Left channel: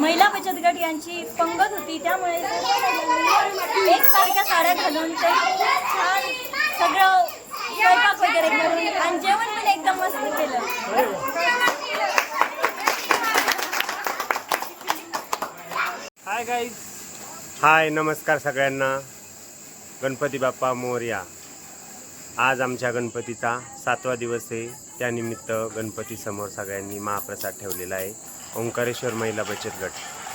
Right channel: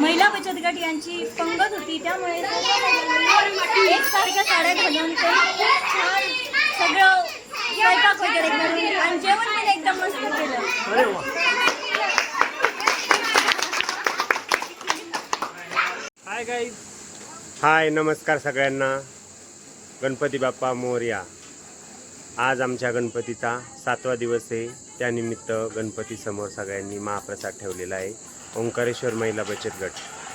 महिला बचत गट यांची पंगत होती. त्यामुळे एकसारख्या साड्या घालून ते छान सगळं स्वयंपाक वगैरे करून आणि जेवण पण एकदम मस्त केलं. हाय गाईज हाय नमस्कार सगळ्यांना. गणपती बाप्पा मोरया. आज आमच्या गणपतीचा सातवा दिवस आहे. त्यानिमित्त गणपतीसमोर सगळ्यांनी महाप्रसाद ठेवलेला आहे. ओंकारेश्वर महिला बचत गट.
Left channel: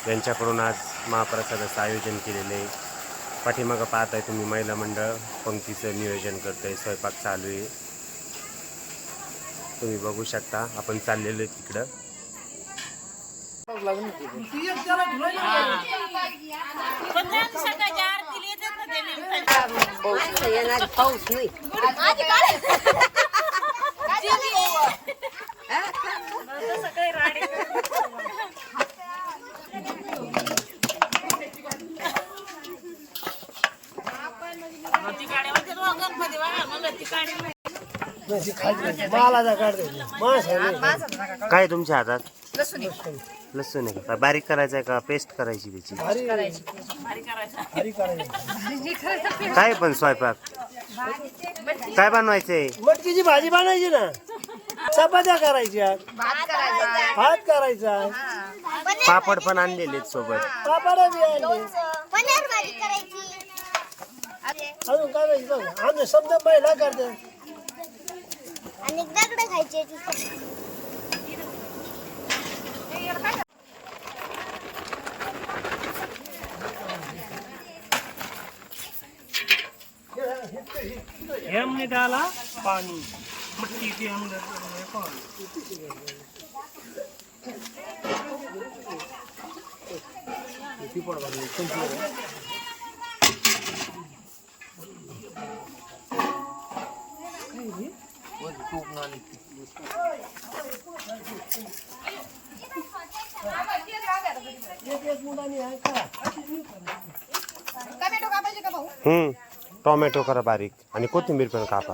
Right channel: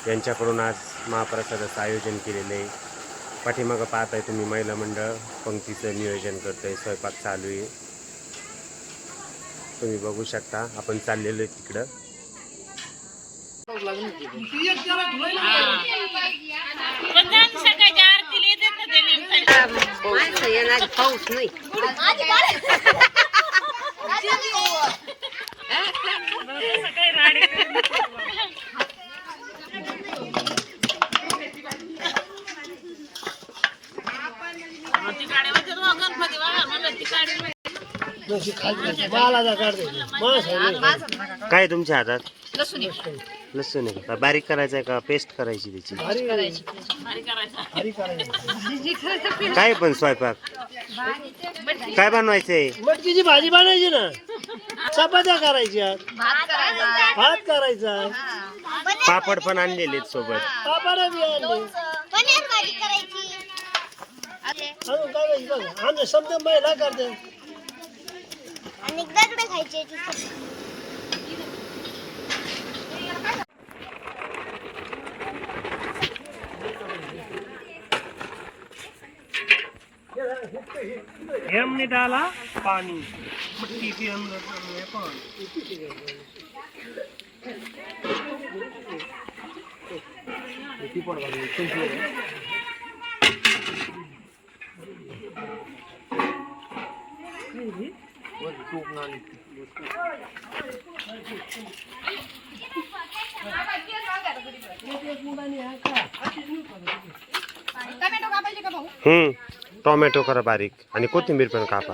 यांच्याकडून आज महाप्रसादाचं आयोजन केलेलं आहे. पाठीमागं पाहत आहे तुम्ही महिला मंडळ पंक्तीचं नियोजन करतं आहे स्वयंपाक चालू आहे. तुम्ही बघू शकता आपण चाललेलो आहे तिकडं. पाऊस नाही. काय तुमच्या हातात? लसूण आहे का? बारीक करायचं आहे का? पेस्ट करायची त्याची? करायची काय पण स्वयंपाक? काय बनवायचंय? मटकीची भाजी बनायची ना. चपात्या करायच्या भात करायचा. पापड पण आणलेले सोबत. पापड बी आणले. पनीर भाजी करायची. अजून काय माहिती बघ आमचे समजा महिला करते. आणि दगड खायचे हमने डाला पानी मटकी के अंदर पानी हम्म टोमॅटो करा बारीक आणि कोथिंबीर पण कापा.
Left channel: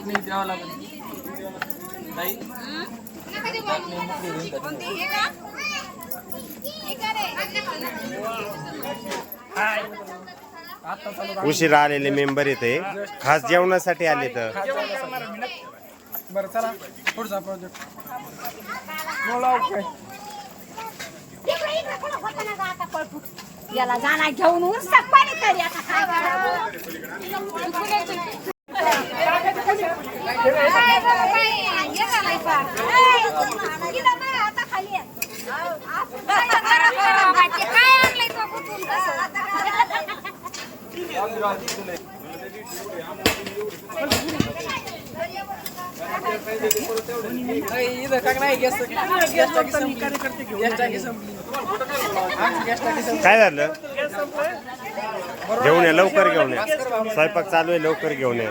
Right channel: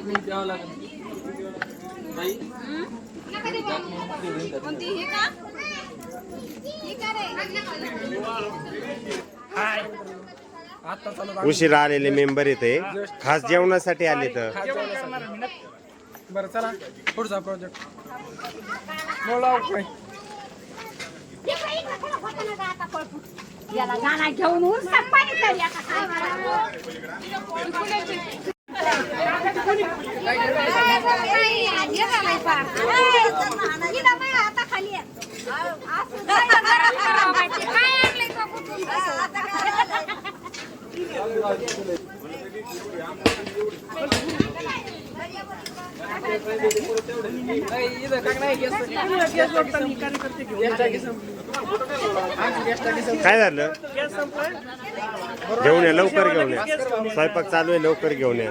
कसं उशिरा आलेले मेंबर येते खास जेवणासाठी आले तर. बरं चला. पुढचा प्रोजेक्ट याला जाणार घेऊन. उलसाक पाणी तरी आता काय करावं? काय झालं? घेऊन ये लवकर घेऊन ये. स्वयंपाक चालू आहे लवकर घेऊन ये.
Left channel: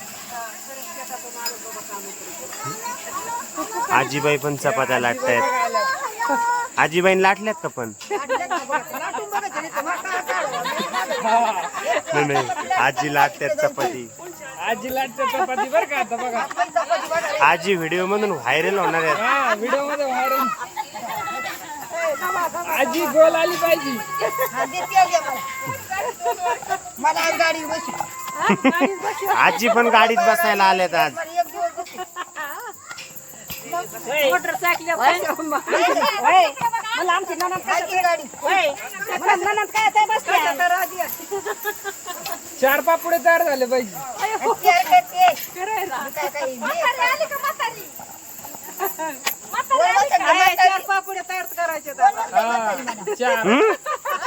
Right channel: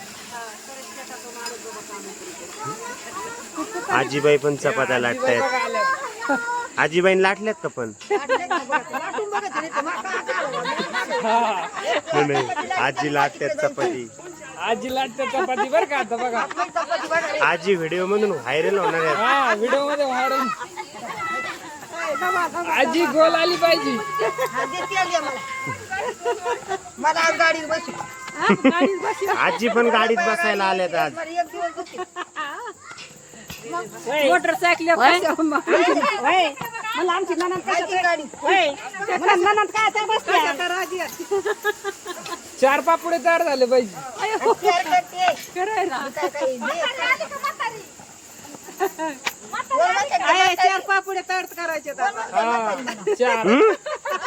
आजीबाई पण चपात्या लाटतायत. आजीबाईन लाटल्यात का पण? नाही नाही. आजी लाटतात चपाती. आजी लाटते चपाती बरं का आता बघा. आजी व्हिडिओ मधून व्हायरल होणार आहेत. हा व्हिडिओमध्ये व्हायरल. आजी गोल आली पाहिजे. मला गाडी बसू. आजी पण गाडीत बसायला आल्यात आज. मोटरसायकल मला आमची ननंद मला ननंद काय ते बसते चार पापुडे तयार झाले पाहिजे चार तयार करायचे?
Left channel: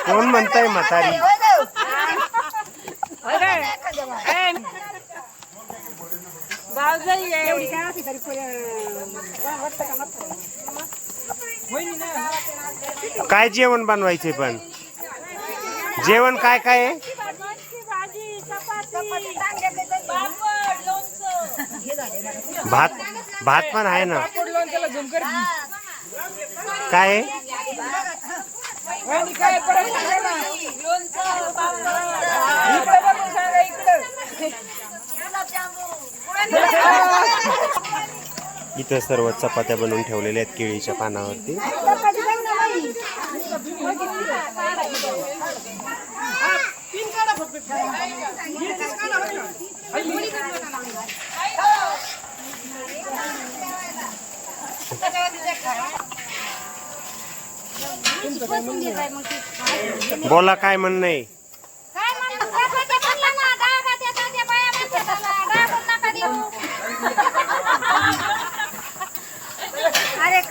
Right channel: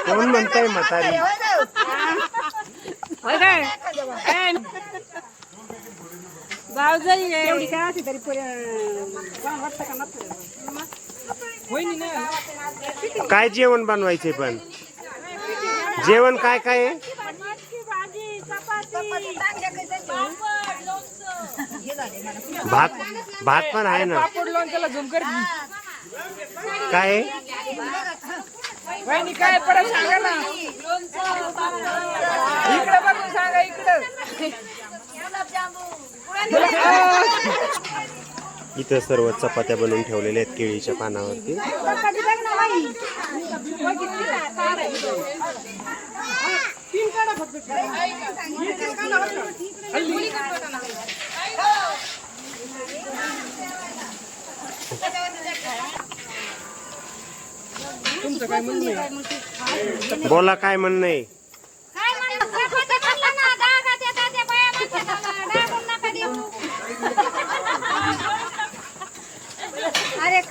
कोण म्हणताय म्हातारी? एवढी काय असते तरी पण वाटतं का नको होईनी नाही काय जेवण बनवायचे पण? जेवण काय काय आहे? भात भात पण आहे ना. काय काय परत सांगा ना इकडं बघून सांगा इकडं इथं सर्व चपात्या बनवून ठेवलेल्या आहेत केळीच्या पानावरती. बोला काय म्हणणं आहे?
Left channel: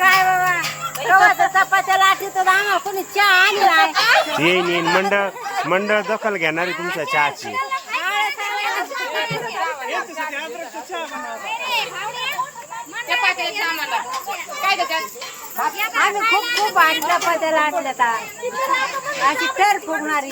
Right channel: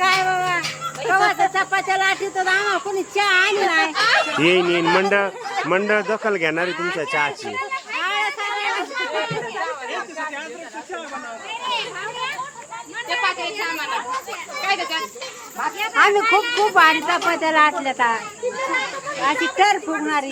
काय बाबा? चपात्या तो आम्हाला कोणी चहा आणला येईन येईन मंडळ मंडळ दखल घेणारी तुमच्या चहाची. आम्ही खूप खूप भारी चपात्या लाटल्या अशी तर फुगणारी.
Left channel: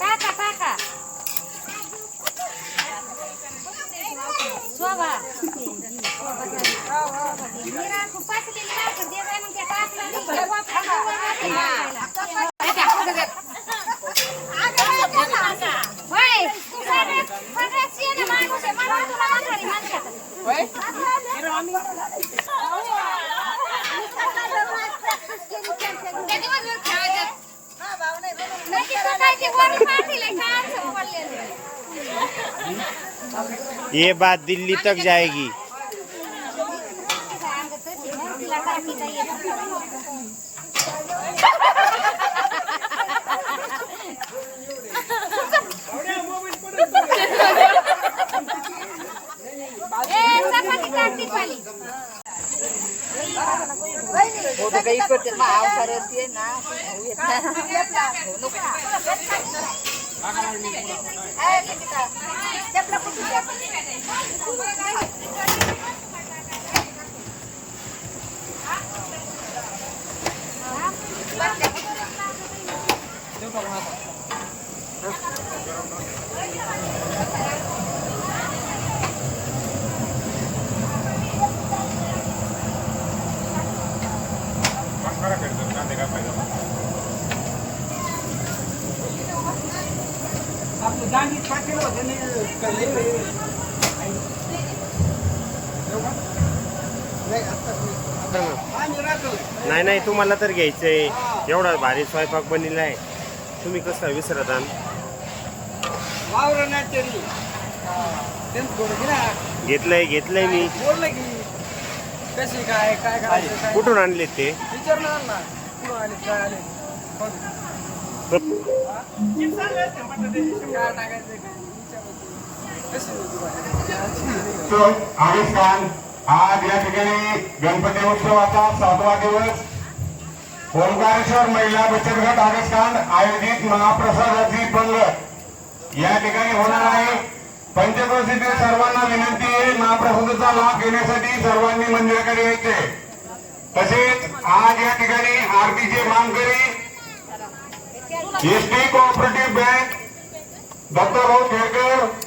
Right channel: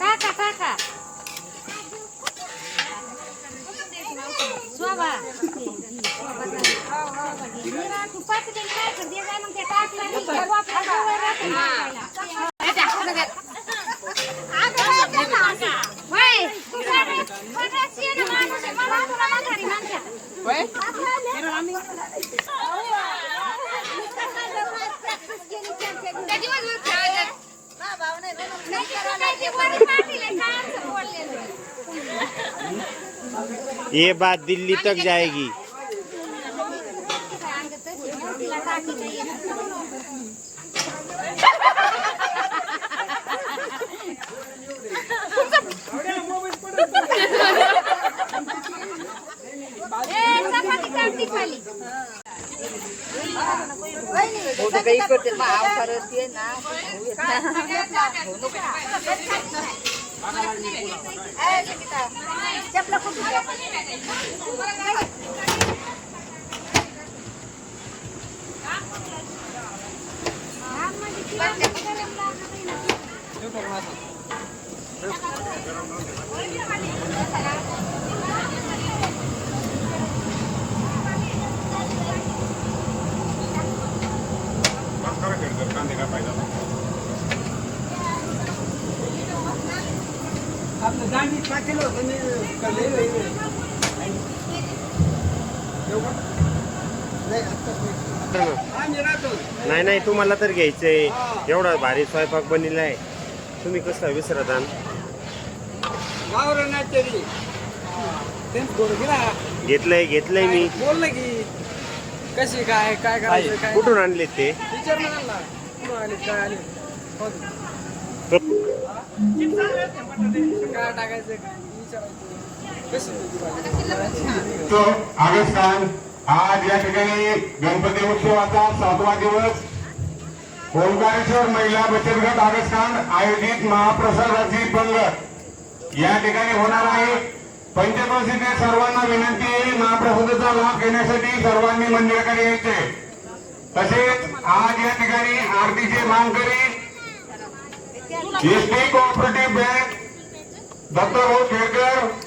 काका काका शोभा मीरा खूपच ते काय कर दे काय मग ते टाकलं ये बात दिल्ली तक जाएगी तिला टाकी नाही येत. ए, चपाती टाकी खाली. फोटो काही करते. मग ते ना होऊ येत ना. होऊ नको चपला कुठे? नाही नाही. तुम्हाला तर घ्यायचंय. एवढा भारी स्वयंपाक बनलेलाय तुम्ही कसं विसरत घेतलंय घेतलंय मी. कशी काय काय करायचं काय कुठून आणले. ते विचार आणि सांग आज या ठिकाणी गणपती उत्सवाचा सातवा दिवस. ओंकारेश्वर महिला बचत गट आगस्थान आयोजित महाप्रसादाची पंगत या ठिकाणी होणार आहे. पंचक्रोशीतील सर्वांना विनंती आहे महाप्रसादाचा लाभ घेण्यासाठी सर्वांनी मंदिराकडे यायचे. तसेच आज या ठिकाणी आरतीचे मानकरी यूपी कोऑपरेटिव बैंक डॉक्टर हो खेड़कर।